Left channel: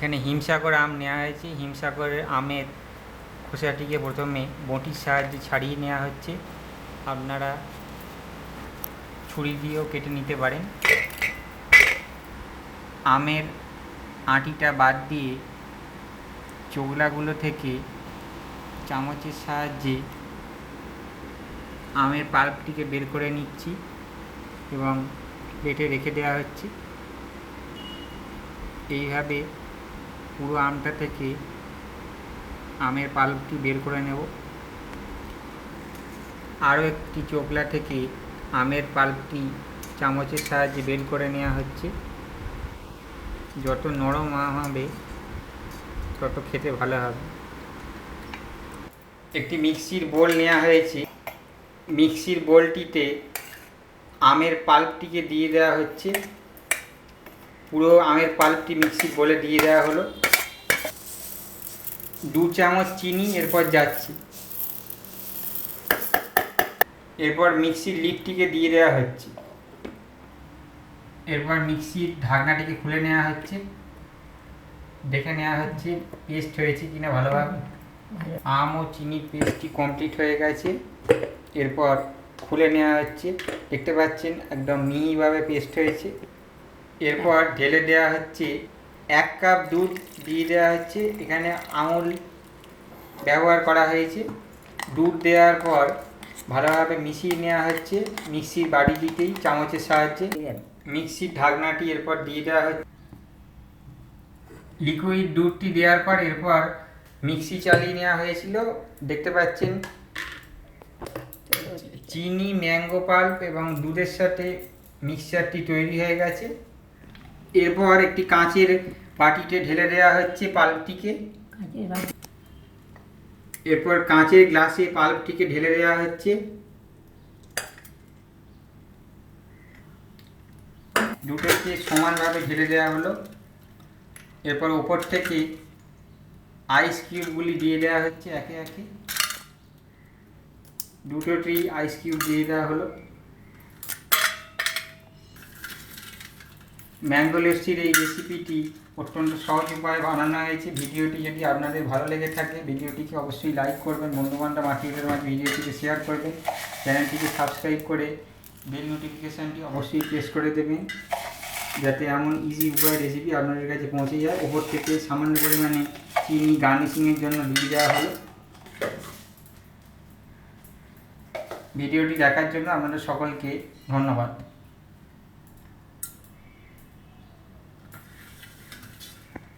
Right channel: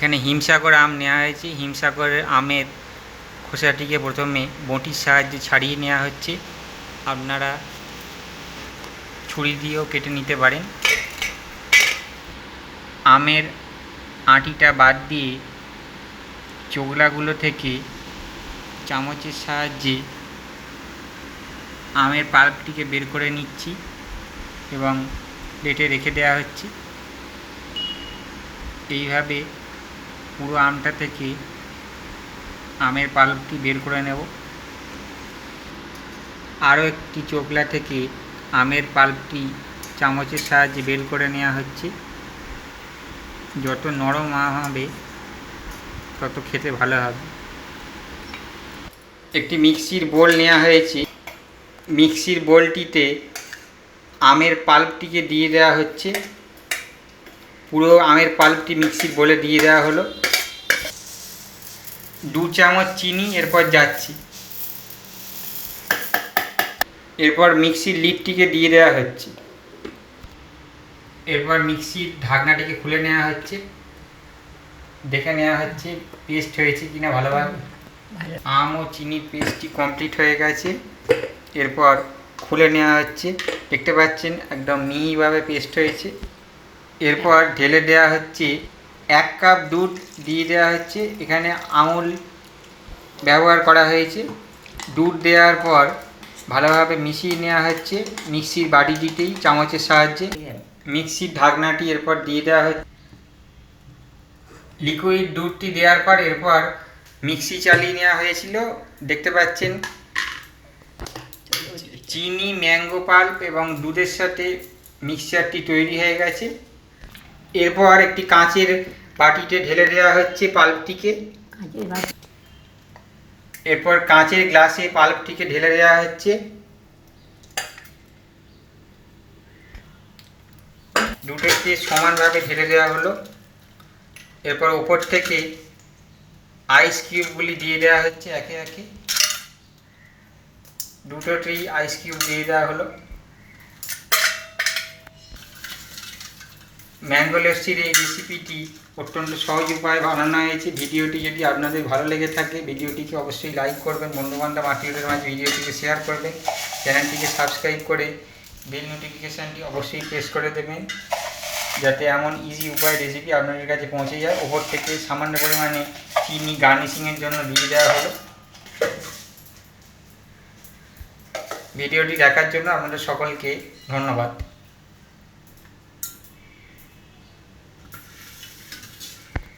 এখানে হিমসাগর আম নেওয়া হয়েছে। হিমসাগরের আমের খোসাটিকে প্রথমে বঁটির সাহায্যে ছাড়িয়ে নেওয়া হচ্ছে। আপনারা ছুরি দিয়েও কেটে নিতে পারেন। আমের আঁটিটা বাদ দিয়ে চোগলাগুলো থেকে চামচের সাহায্যে আমের পাল্পটিকে বের করে নিচ্ছি এবং প্লেটে রেখে দেওয়া হচ্ছে। এইভাবে পুরো আমটা থেকে আমের পাল্পটি বের করে নেব। আরও একটি চোগলা থেকে আমের পাল্পটি চামচের সাহায্যে বের করে নেওয়া হচ্ছে। যত নরম আম হবে তত খেতে ভালো হবে। একটি মিক্সির বোল নেওয়া হয়েছে। মিক্সির বোলটিতে আমের পাল্পটিকে দিয়ে দেওয়া হচ্ছে। পুরো আমের পাল্পটি মিক্সির বোলে দিয়ে দেওয়া হলো। 2 চামচ চিনি এরপর যাচ্ছে। এরপর মিক্সির লিডটিকে দিয়ে দেওয়া হচ্ছে। এরপর মিক্সির ঢাকনাটিকে খুলে নেওয়া হচ্ছে। দেখে নেওয়া হচ্ছে পেস্ট হয়েছে কিনা ভালোভাবে। আম ও চিনির পেস্টটি কমপ্লিট হয়ে গেছে। এরপর খুলে নেওয়া হচ্ছে। দেখতে পাচ্ছেন একদম মিহিভাবে পেস্ট হয়েছে। এরপর ঢেলে দেওয়া হচ্ছে 1 কাপ দুধ দিয়ে দেওয়া হচ্ছে। এখানে আমুল ব্যবহার করা হয়েছে। দুধ দেওয়ার পর ভালোভাবে মিশিয়ে নেওয়া হচ্ছে মিক্সির বাটিটিতেই চামচের সাহায্যে। মিক্সির ঢাকনাটি এরপর দিয়ে দেওয়া হচ্ছে। লিকুইড দুধটি দেওয়ার পর এরপর মিক্সি চালিয়ে নেওয়া হয়েছিল। দেখতে পাচ্ছেন চিনি, ম্যাঙ্গো পাল্প এবং দুধের সাথে মিক্সচারটি তৈরি হয়ে গেছে। এরপর একটি কাঁচের বাটিতে ঢেলে দেওয়া হচ্ছে পাল্পটিকে। এরপর কাঁচের গ্লাসে পাল্পটিকে ঢেলে দেওয়া হচ্ছে। দুটোকে সমানভাবে ঢেলে দেওয়া হলো। এরপর উপর থেকে আইস কিউবগুলি দিয়ে দেওয়া হচ্ছে একে একে। দুটোতেই আইস কিউব দিয়ে দেওয়া হলো। ম্যাঙ্গো লস্যির এই রেসিপিটি অত্যন্ত সহজ উপায়ে বানানো হয়েছে। ভিডিওটি যদি আপনাদের ভালো লেগে থাকে ভিডিওটিকে অবশ্যই লাইক করবেন, বন্ধুবান্ধব আত্মীয়দের মাঝে ভিডিওটিকে শেয়ার করবেন, চ্যানেলটিকে সাবস্ক্রাইব করে বেল নোটিফিকেশানটি অবশ্যই প্রেস করে দেবেন যাতে এমন ইজি উপায় রেসিপি আপনাদের কাছে পৌঁছে যায়। ওপর থেকে সামান্য পরিমাণে চিনি গার্নিশিংয়ের জন্য দিয়ে দেওয়া হলো। ভিডিওটি দেখার জন্য আপনাদের সকলকে ধন্যবাদ।